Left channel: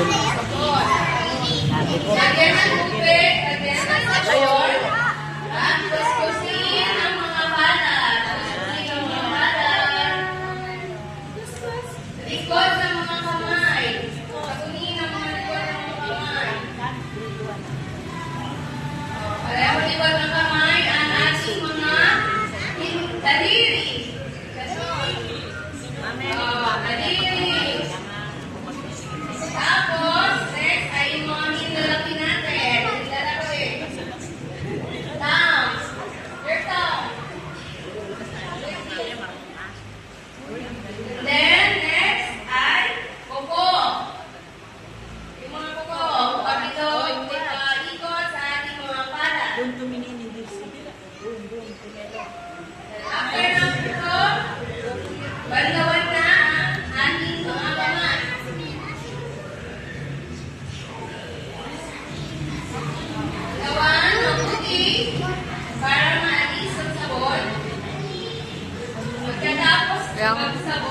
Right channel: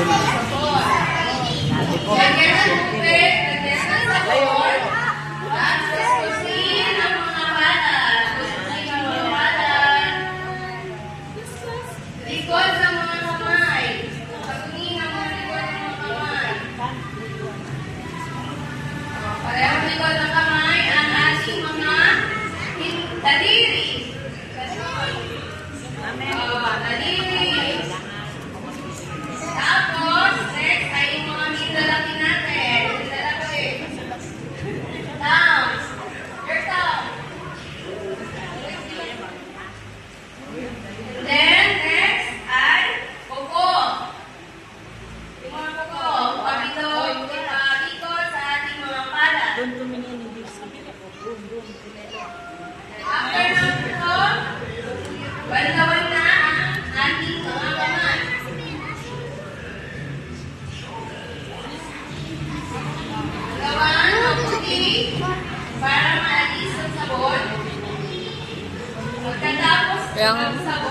Sabi ko, Lagyan ng tubig, lagyan ng sabon. At kuskusin ang mga balat. Kuskusin ang mga balat. Likod ng mga kamay. Kuskusin ang mga likod ng mga kamay. Pareho likod ng kamay ang ating mga daliri. Daliri. Tapos, next ay yung mga nilalaki natin. Nilalaki. Down. Your thumb. Then, next ay kuko. Yung mga kuko. Kapito, yung ikot sa ating mga pala. doon tumingin hindi doon. After ng kuko, bandawan na ang ating mga kamay. Gawan ng puti para maalis ang sabon. Pagkatapos ng sabon,